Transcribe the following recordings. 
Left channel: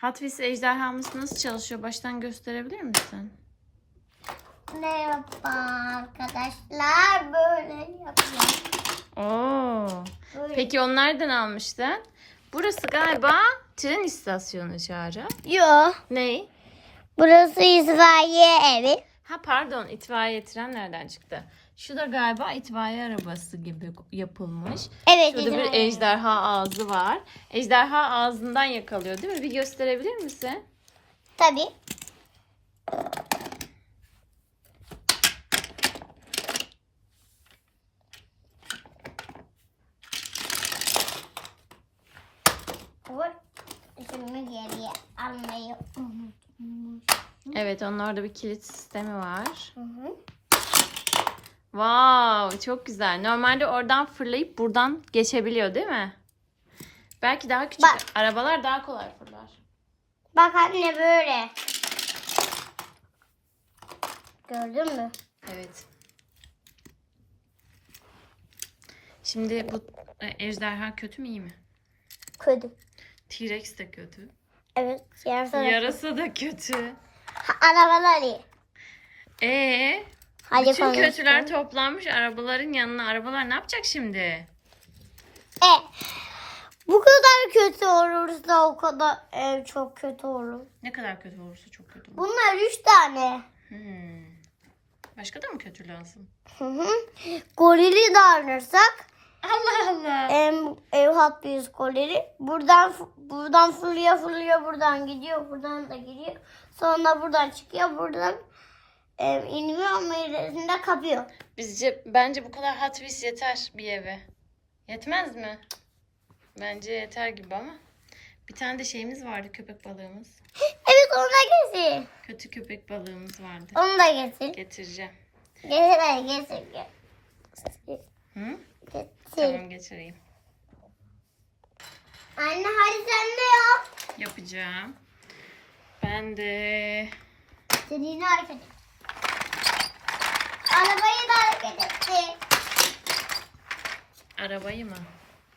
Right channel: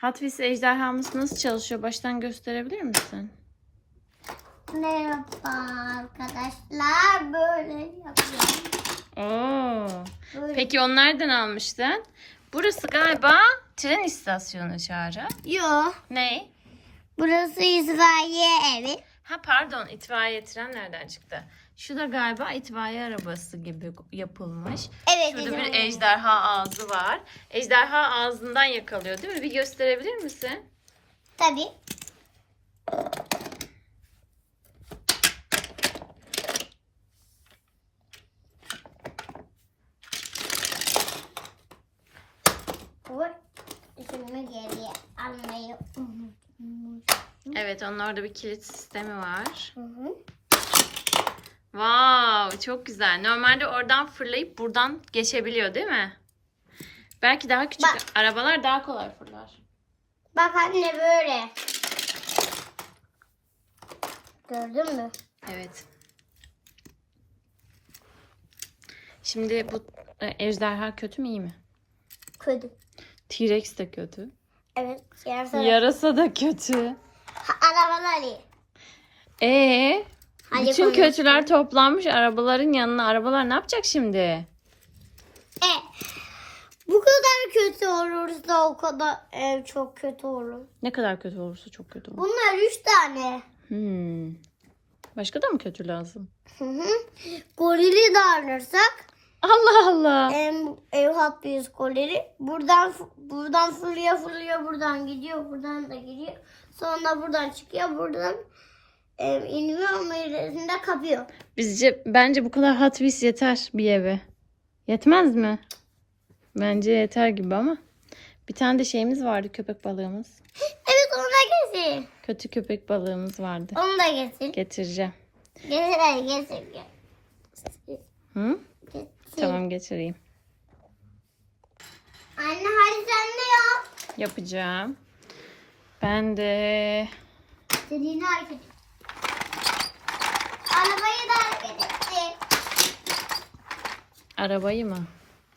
Wheels ejderhamız nasıl çalışıyor? Baştan gösterebilir misin? Merhaba arkadaşlar. Böyle yapıyorum. Oo. Böyle. Peki onu nereden almıştın? Burası galiba tren istasyonu Çağrı. Yok. Ne? Burası İsrail evi. Ha pardon itfaiye tren nereden çıktı? Şu da galiba itfaiye arabası gibi yapılmış. Evet. Şurada bir İsrail. ejderha ağzı var. Ejderha ağzından yakalıyor değil mi? Bir gösterebilir misin? Tabii. Bu Şimdi geriye almayı unutmuş. Evet onun orada bir kilit sistemi var. Hı hı. Wow çok güzel. Normalde oradan fırlayıp buradan geçebiliyor değil mi? Belki daha küçük Bak. arabalar daha kolay fırlar. Bak anne böyle. Gördün mü? Evet. Şimdi bu e, ejderha kötü mü iyi mi? Kötü. T-Rex de kötü. Evet. Yarısı. Yarasa da kötü. Arabalar iyi. Ee, Hadi bütün konuşalım. kötüler toplanmış arabaların yanına. Arabalar ne yapacak şimdi? E, bu kadar kötü olursa o kadar ev çok kötü olur. Ne kadar kötü olursa çok kötü olur. Bunlar üç tane. Hmm. Başka da mı kötü lazım? Hı hı. Gorili de alırsak Allah Allah. em, ev hat gorili. Buradan buradan fırlıyor fırlıyor buradan gidiyor buradan da gidiyor. Sonra buradan çıkıyor buradan em, inmiyor ama ilerisinde kapıyor. Bizce bence bu kadar Hot Wheels yeter bir eve. Yetmez mi? Bence yeter gibi ama. Bir tane de şeyimiz vardı köpek balığımız. Evet onu da getir. Kötü köpek balığımız vardı. Onu da getir. Getireceğim. Getir getir. getir. Hı? getir. Tamam getireyim. Anne hadi sen de yap. Yapacağım. Ben de İstediğini hareket et. Arabayı da hareket etti. arabayı mı?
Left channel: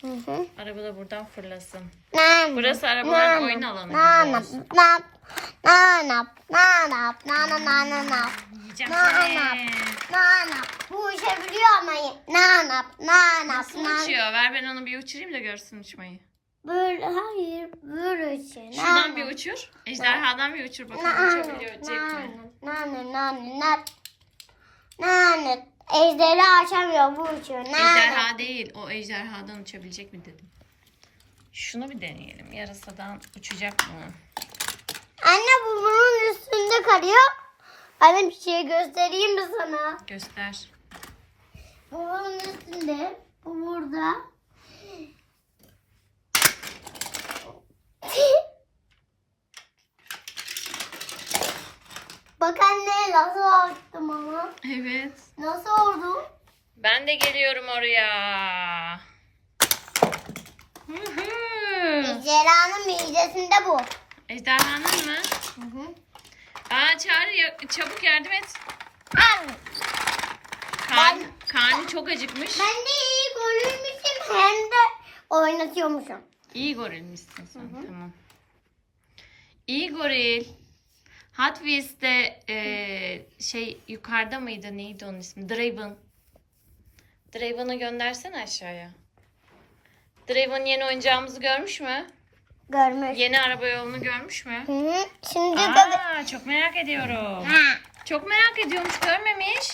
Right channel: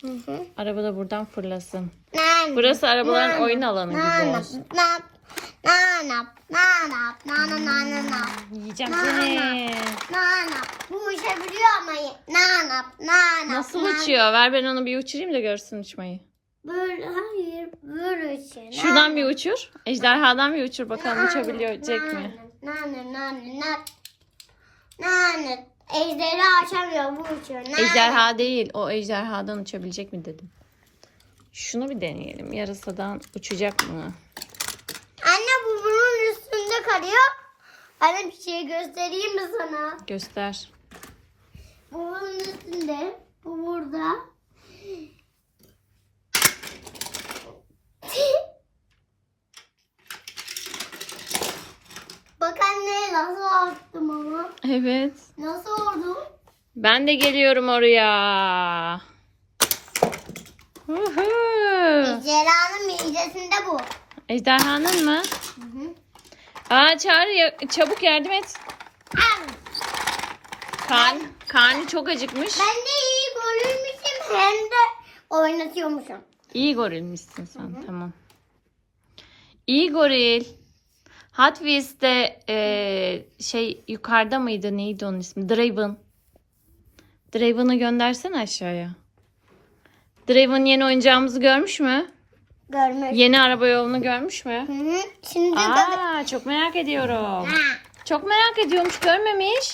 Hı hı. Araba da buradan fırlasın. Burası arabaların oyun alanı gibi olsun. Nanap, nanap, nanap, nanap. Yiyeceğim seni. Nanap, bu uçabiliyor ama nanap, nanap. Nasıl uçuyor? Ver ben onu bir uçurayım da görsün uçmayı. Böyle, hayır, böyle uçuyor. Şuradan nanap. bir uçur. Ejderhadan bir uçur bakalım nanap, uçabilecek nanap, mi? Nanap, nanap, nanap. Ejderha açamıyor bu uçuyor. Ejderha değil, o ejderhadan uçabilecek mi dedim. Şunu bir deneyelim. Yarasadan uçacak mı? Anne bu bunun üstünde kalıyor. Anne bir şey göstereyim mi sana? Göster. Bu bunun üstünde. Bu burada. Bak anne nasıl attım onu. Evet. Nasıl oldu? Ben de geliyorum oraya. Hı hı. Ejderhanın midesinde bu. Ejderhanın mı? Hı hı. Aa Çağrı ya- çabuk yardım et. Al. Karn, karnı çok acıkmış. Ben de iyi golüymüşüm hem de oynatıyormuşum. İyi gorilmişsin sen. Tamam. İyi goril. Hot Wheels'te eee, şey yukarıda mıydı? Neydi onun ismi? Draven. Draven'ı göndersene aşağıya. Draven yeni oyuncağımızı görmüş mü? Görmüş. Yeni araba yolunu görmüş mü? Hı hı. Şimdi de... Aa, çok merak ediyorum. Ha. Çok merak ediyormuş. Görmemiş.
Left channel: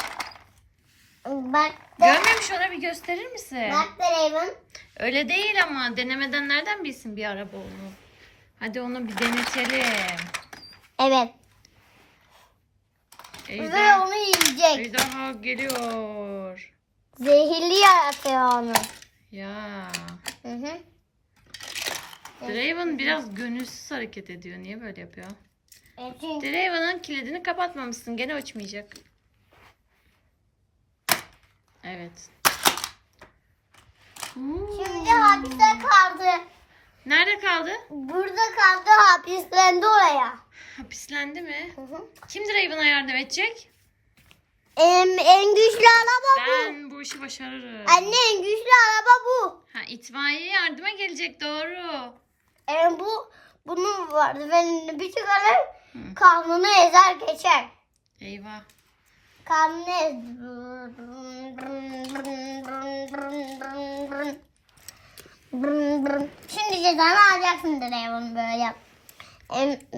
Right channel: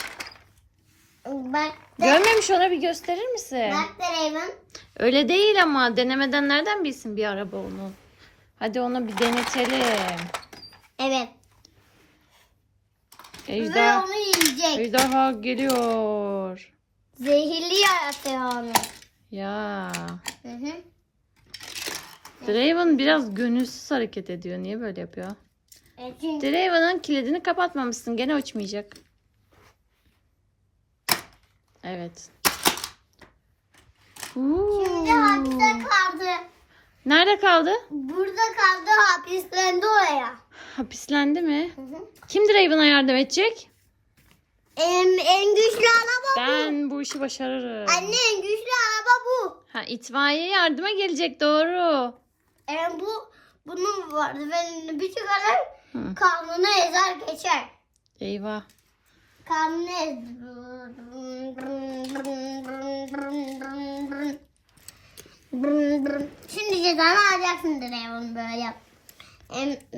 Bak Görmemiş ona bir gösterir misin? Bak da Raven. Öyle değil ama denemeden nereden bilsin bir araba onu? Hadi onu bir denetelim. Evet. Ve Ejder, onu yiyecek. ejderha geliyor. Zehirli yaratıyor onu. Ya. Hı hı. Draven biraz gönülsüz hareket ediyor. Niye böyle yapıyor? Draven'ın kilidini kapatmamışsın. Gene uçmayacak. Evet. Uuu. şimdi hapiste kaldı. Nerede kaldı? Burada kaldı hapislendi oraya. Hapislendi mi? Hı hı. Kim Draven'a yardım edecek? En, en güçlü araba bu. Ben bu işi başarırım. Anne en güçlü araba bu. Ha itfaiye yardıma gelecek doğru. En bu bunun vardı. Ben bir çıkarır Hı. kanunu ezer geçer. Eyvah. Kanunu ez. Şimdi cezanı alacaksın Draven böyle yap.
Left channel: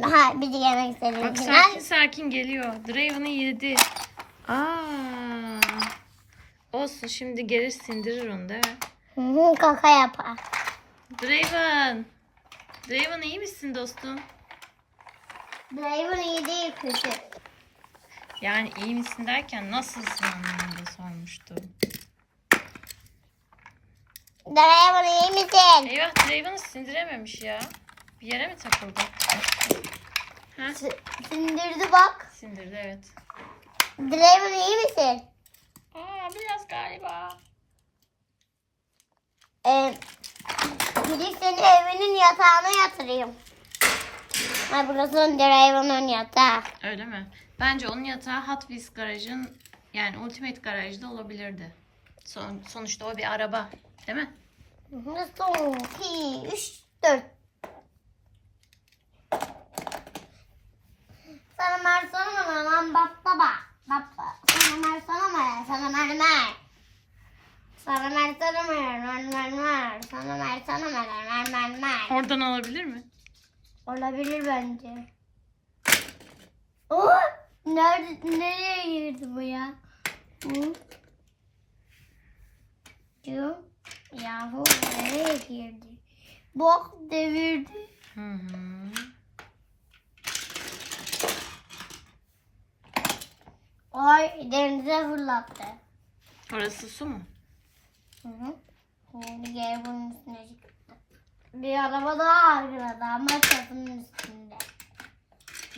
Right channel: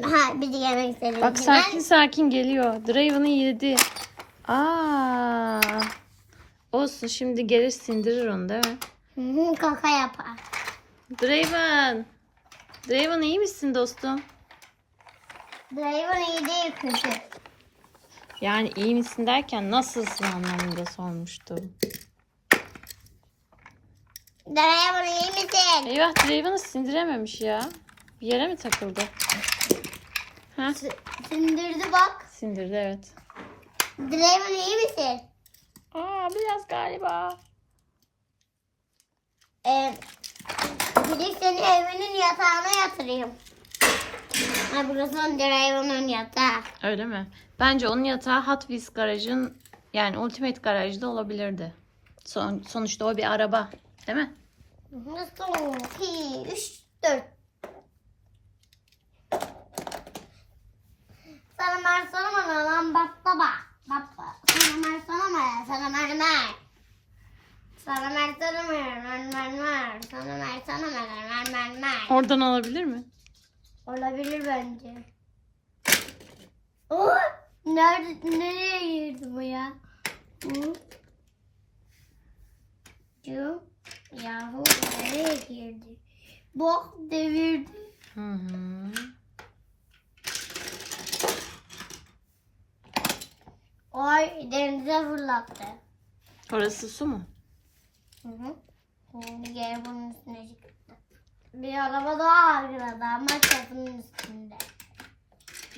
Ha, bir de yemek istedim. Bak sakin sakin geliyor. Draven'ı yedi. Aa. Olsun şimdi gelir sindirir onu değil mi? Kaka yapar. Draven. Draven iyi misin dostum? Draven iyi değil kötü. Yani iyi misin derken nasılsın anlamında sormuştum. Draven iyi misin? Eyvah Draven'ı sindirememiş ya. Bir yere mi takıldı? Ha? Sindirdi bak. Sindirdi evet. Draven iyi misin? Aa biraz galiba. Ee, gidip seni evinin yatağına yatırayım. Ha, burası Draven'ın yatağı. Öyle mi? Bence onun yatağı Hot Wheels garajın yani Ultimate garajda olabilirdi. Son, sonuçta o bir araba. Değil mi? Son, iki, üç, dört. Sana mer mer lan baba. Baba. Sana mer sana mer sana mer mer. Sana mer sana mer mer mer mer. Sana mer sana mer mer mer mer. Oradan olabilir mi? Olabilir bence. Oh! Nerede, nereye girdi bu ya? Hı? Yahu nereye girdi? Bak devirdi. Hı hı. Ay denize fırlattı. Orası su mu? Hı hı. Şimdi geri bunun üstüne çıktı. Bir araba daha arkada ama çatının üstünde.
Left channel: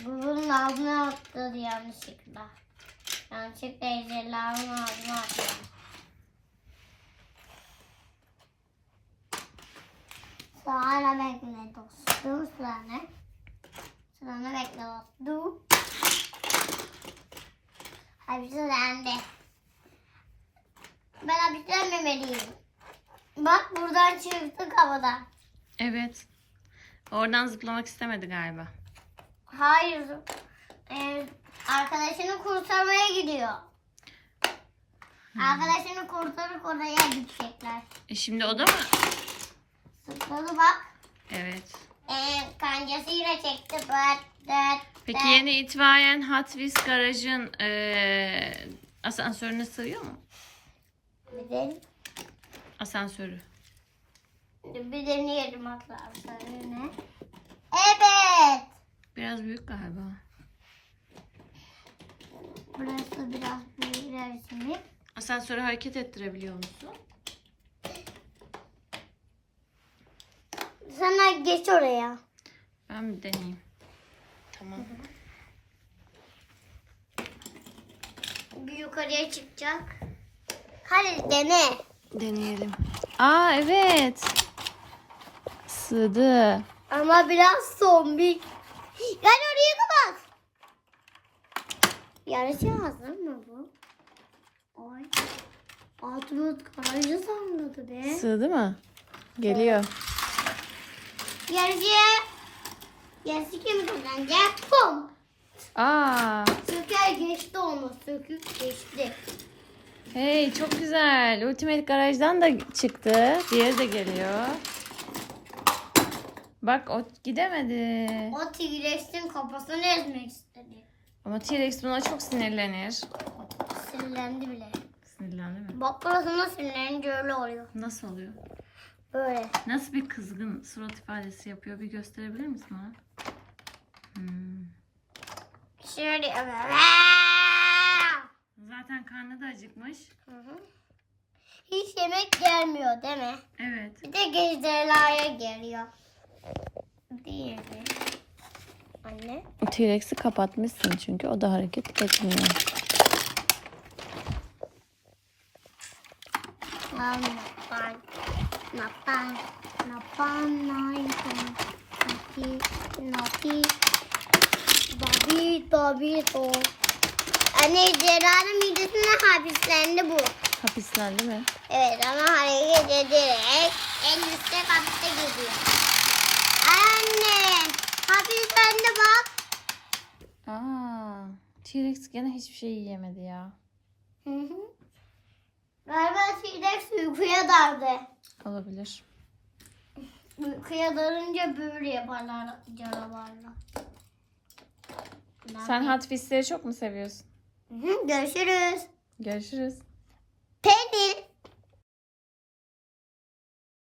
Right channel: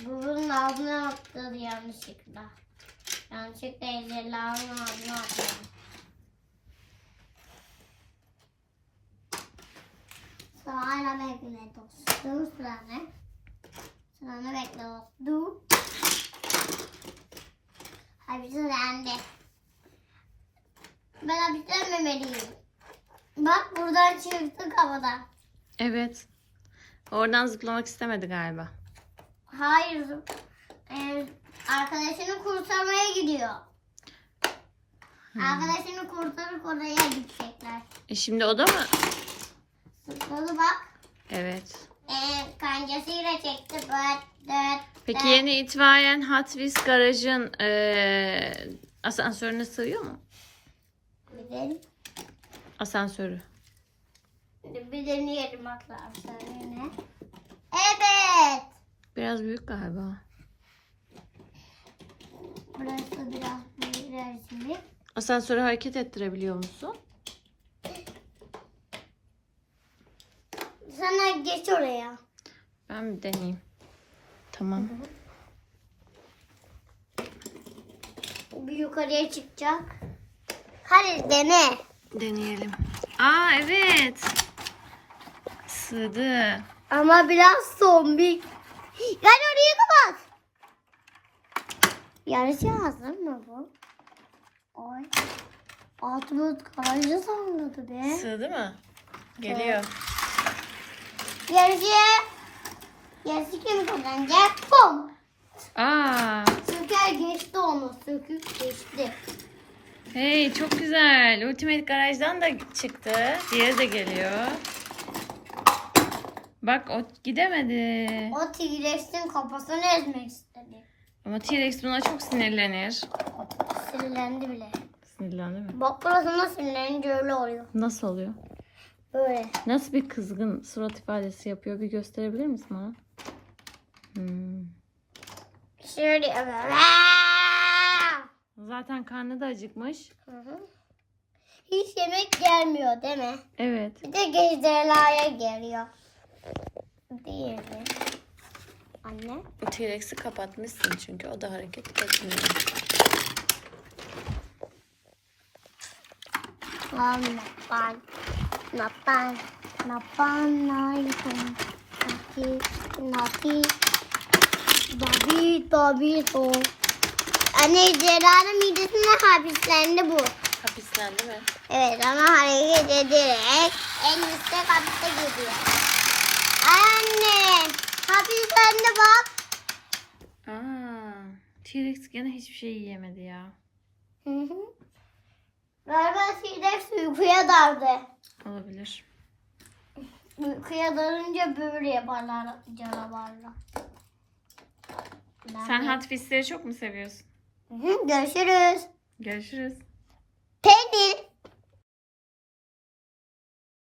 Bu bunun ağzına atladı yanlışlıkla. Yanlışlıkla ejderhanın ağzına atladı. Sonra bekle dostum sıranı. Sıranı bekle dostum. Hepsi sende. Ben hapislenmemeliyim. Bak buradan çıktık havada. Evet. Oradan zıplamak istemedi galiba. Hayır. Ee, arkadaşını kurtarmaya gidiyor. Arkadaşını kurtarıp oraya gidecekler. E şimdi o da mı? Sıkladı bak. Evet. Ee, kancasıyla çekti. Bıt, dıt, Peki yeni itibaren Hot Wheels garajın eee asansörüne sığıyor mu? De, Asansörü. bir deneyelim arkadaşlar yine. Evet. Biraz büyük galiba. Burası biraz büyük şimdi. Asansörü hareket ettirebiliyor musun? Sana geç oraya. Ben bir deneyeyim. Tamam. Bir yukarıya çıkacak. Hadi dene. Deneyelim. Aa evet. Sığdı. Ama biraz zombik. Gel oraya kapat. Yarışı hazır mı bu? Ay. Atmut garajı salladı be. Sığdı mı? Geliyor. Yarışı. Yarışı kim kazanacak? Pum. Aa, Söker geçti onu. Söküp geçti. Hey çok güzel. Ultimate Garaj'dan da çıktı. Diğeri de geliyor. Bak o gidemedi. O T-Rex'in kafasını ezmek istedi. Ama T-Rex buna çok sinirlenir. Sinirlendi bile. Sinirlendi mi? Bak burasına sinirlenince öyle oluyor. Nasıl oluyor? Böyle. Nasıl bir kızgın surat ifadesi yapıyor? Bir gösterebilir misin bana? Hmm. Şöyle yapıyor. Zaten karnı da acıkmış. Hı hı. Hiç yemek gelmiyor değil mi? Evet. Bir de gecdelaya geliyor. Değil mi? Anne. T-Rex'i kapatmışsın çünkü o da hareket etmiyor. Napan. Napan. Napan. Napan. Nati. Nati. Dobi. Dobi. Do. Anne Celal'in midesine hapislendi bu. Hapisten değil mi? Evet ama hareket ederek en üstte katta gidiyor. Anne. de bak. Aa, T-Rex gene hiçbir şey yiyemedi ya. Hı hı. Galiba T-Rex uykuya daldı. Olabilir. Uykuya dalınca böyle yaparlar canavarlar. Sen Hot çok mu seviyorsun? Görüşürüz. Görüşürüz. Peynir.